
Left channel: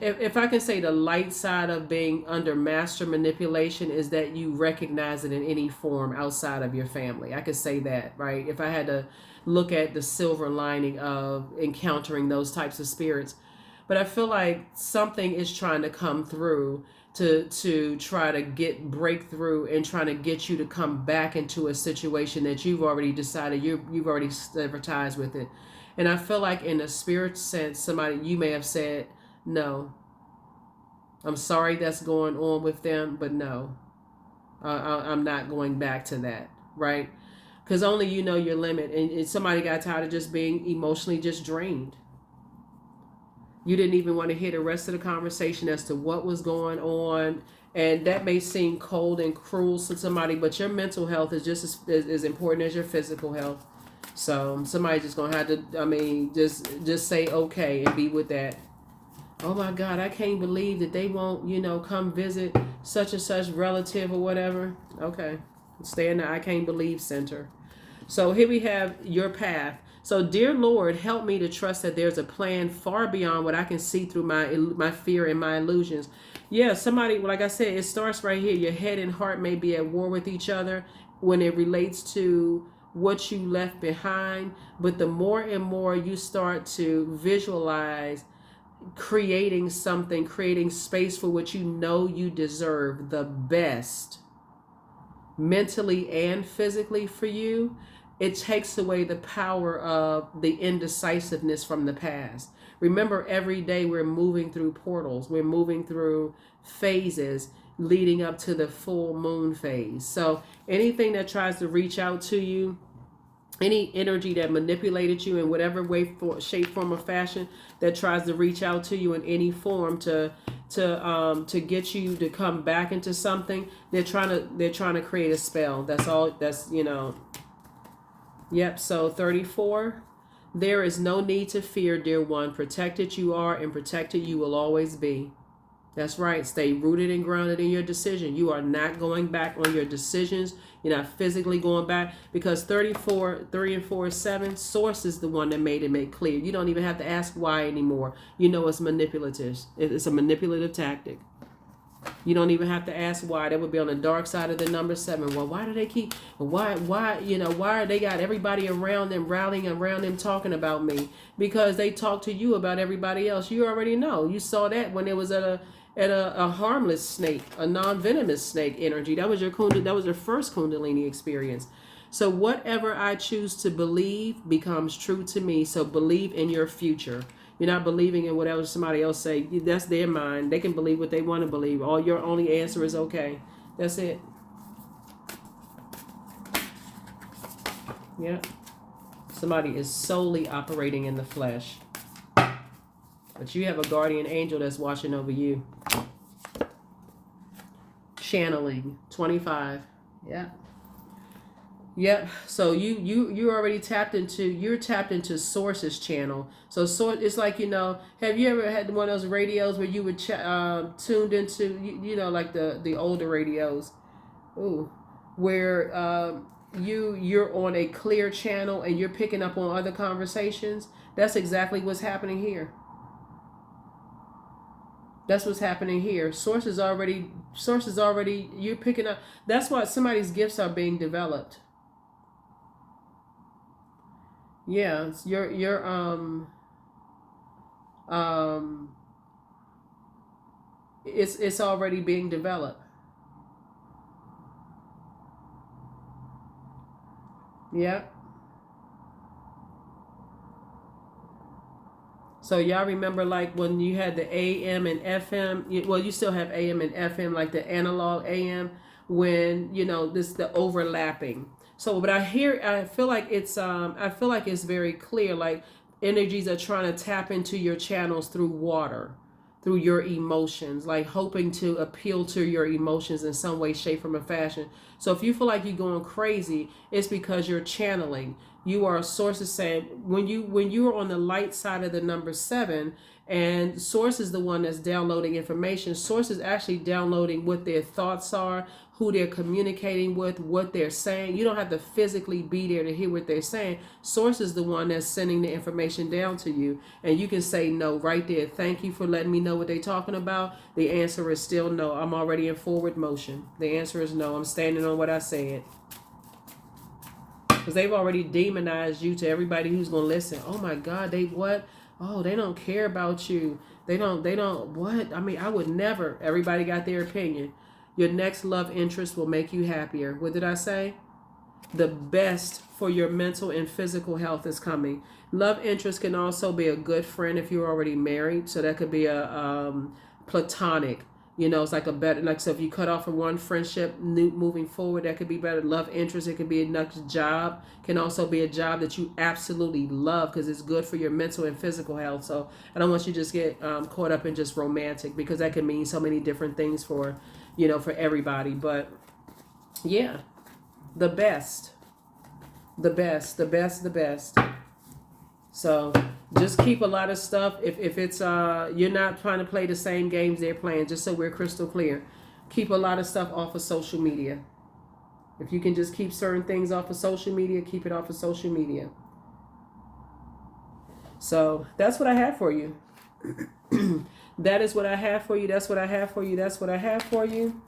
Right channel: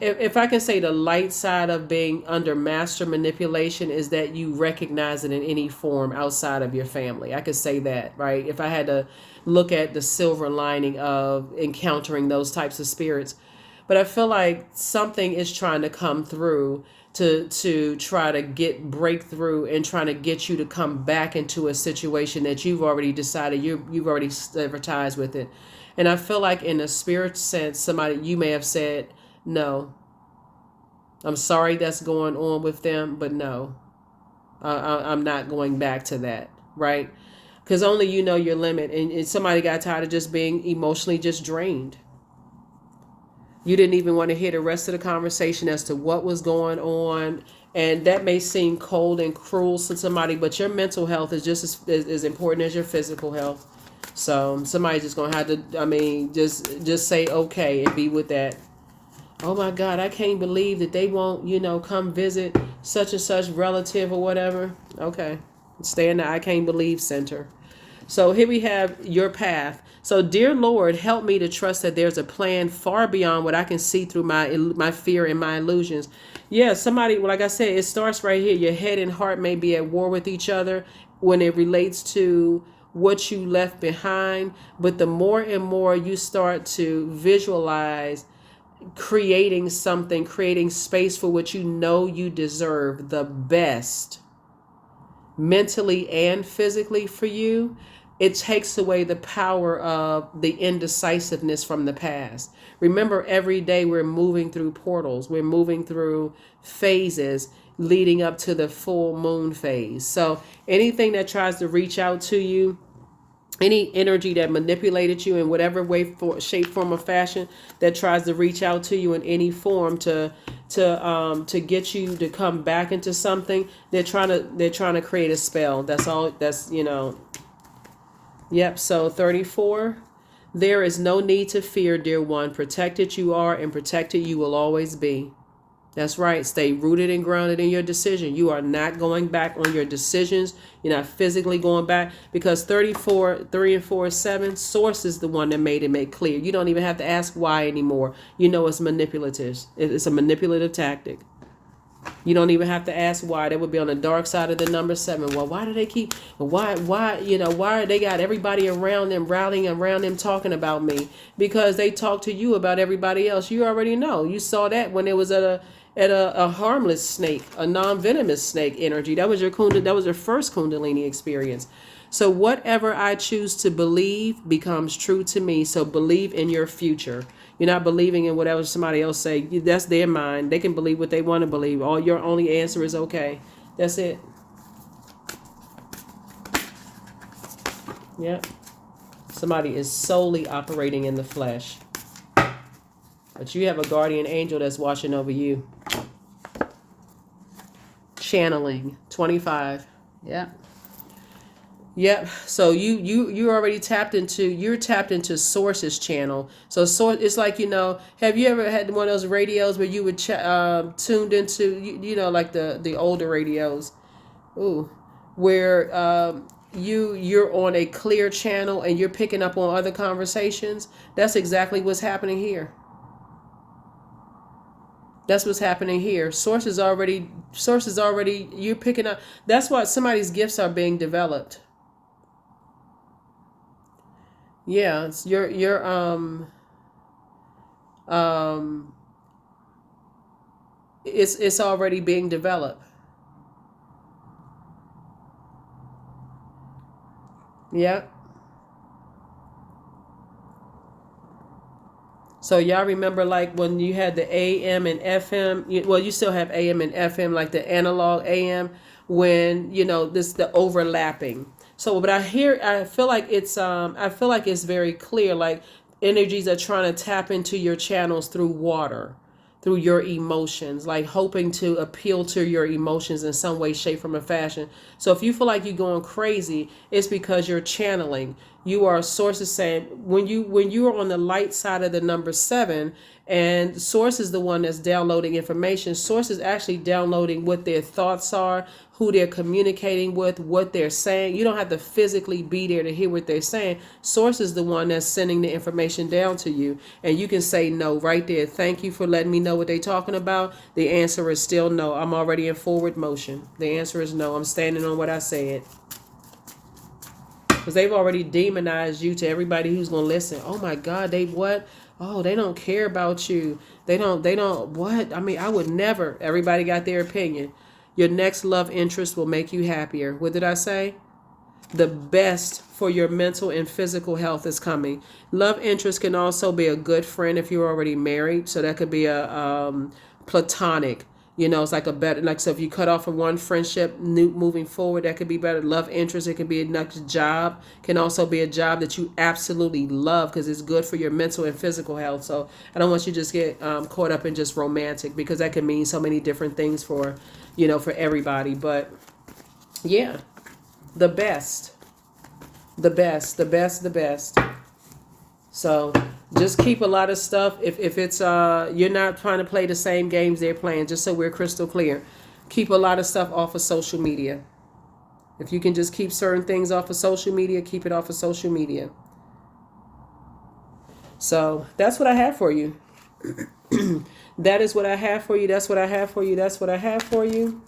if I can say the light side of being under master manipulation is that you recognize it in any form outside of your family. I could say that, right? If I had to look at the silver lining of encountering those types of spirits. But I feel like something is trying to come through to try to get breakthrough and trying to get you to come back into a situation that you've already decided you've already advertised with it. And I feel like in a spirit sense, you may have said, no, I'm sorry that's going on with them, but no, I'm not going back to that, right? Because only you know your limit. And somebody got tired of just being emotionally just drained. You didn't even want to hear the rest of the conversation as to what was going on. And that may seem cold and cruel to somebody, but your mental health is just as important as your physical health. So somebody's just gonna have to, just say okay and be with that. Oh my God, I can't believe that they won't, come visit such and such relative or whatever. Okay, stay in the I can't believe center. So here we have your path. So dear Lord, help me to trust that there's a plan far beyond what I can see through my fear and my illusions. Yeah, somebody, like I said, it starts right here. Your head and heart may be at war with each other when it relates to what you left behind, but the more and more you start to visualize creating something, creating space for what you know you deserve, the best mentally and physically for you, it takes away the power of the indecisiveness from the past. Remember, every day we're moving through portals, we're moving through phases leading up to the full moon phase. So anything that tries to reach out to you, any energy that manipulated you in whatever way, shape, form, or fashion, that tries to reach out to you in any form to get you to come back into something. They're trying to create a spell. That's all. That's, you know. Yep. So 34. There is no need to fear, dear one. Protected you are, and protected you will always be. That's right. Stay rooted and grounded in your decision. You are not going back on your decisions. You're not physically going back, because 34, 3 and 4 is 7. Source is the one that made it clear. You don't even have to ask why anymore. You know it's manipulative. It's a manipulative tactic. You don't even have to ask why. That would be on the dark side of the number 7. Well, why do they keep, why, you know, why they got everybody around them, rallying around them, talking about me? Because they talk to you about everybody else. You already know. You saw that when it was at a harmless snake, a non-venomous snake energy. That was your first Kundalini experience. So whatever I choose to believe becomes true to me. So believe in your future. You're not believing in whatever somebody else say. That's their mind. They can believe what they want to believe. All your only answer is okay. That's it. Yeah. Somebody is solely operating in the flesh. But you have a guardian angel that's watching over you. Channeling. 25. Yeah. Yep. So you already tapped into Source's channel. So Source, it's like, you know, have you ever had one of those radios where you would tuned into, you know, like the older radios, where you're on a clear channel and you're picking up on other conversations? That's exactly what's happening here. That's what's happening here. Source is already, you're picking up. That's why somebody's gifts are being developed. Yeah, it's already being developed. Yeah. So y'all remember, like, when you had the AM and FM, well, you still have AM and FM, like the analog AM, when, you know, the overlapping. So, but I feel like it's very clear, like energies are trying to tap into your channels through water, through your emotions, like hoping to appeal to your emotions in some way, shape, form, or fashion. So if you feel like you're going crazy, it's because you're channeling. You are, Source is saying, when you are on the light side of the number 7, and Source is the one that's downloading information. Source is actually downloading what their thoughts are, who they're communicating with, what they're saying. You don't have to physically be there to hear what they're saying. Source is the one that's sending the information down to you. And you can say no right there. Thank you for letting me know what they're talking about. The answer is still no. I'm already in forward motion. The answer is no. I'm standing on what I said. Because they've already demonized you to everybody who's going to listen. Oh my God, they what? Oh, they don't care about you. They don't, what? I mean, I would never. Everybody got their opinion. Your next love interest will make you happier. What did I say? The best for your mental and physical health is coming. Love interest can also be a good friend if you're already married. So that could be a platonic. You know, it's like a better, like, so if you cut off from one friendship, moving forward, that could be better. Love interest, it could be a next job, can also be a job that you absolutely love because it's good for your mental and physical health. So I don't want you to just get caught up in just romantic, because that can mean so many different things for, you know, for everybody. But yeah, the best. So just keep a lot of stuff. If it's you're not trying to play the same games they're playing, just so we're crystal clear, keep a lot of stuff off of social media. If you can just keep certain things off of social media, keep it off of social media. So that's what I have for you. That is what I have for you. That's what I have for you. That's what I have for you.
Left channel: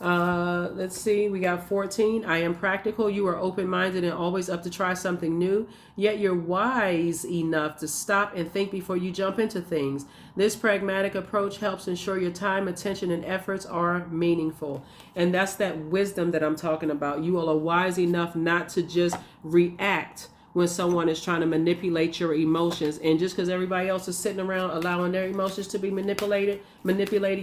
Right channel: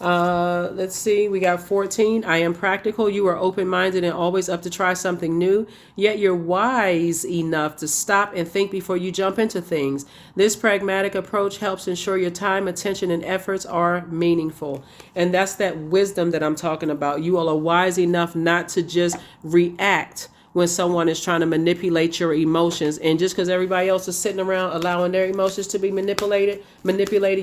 Let's see, we got 14. I am practical. You are open-minded and always up to try something new, yet you're wise enough to stop and think before you jump into things. This pragmatic approach helps ensure your time, attention, and efforts are meaningful. And that's that wisdom that I'm talking about. You all are wise enough not to just react when someone is trying to manipulate your emotions. And just because everybody else is sitting around allowing their emotions to be manipulated,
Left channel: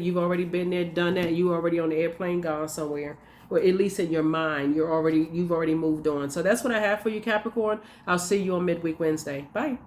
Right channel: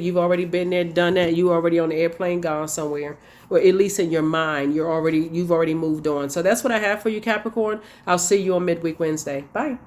you've already been there, done that. You already on the airplane, gone somewhere. or at least in your mind, you've already moved on. So that's what I have for you, Capricorn. I'll see you on midweek Wednesday. Bye.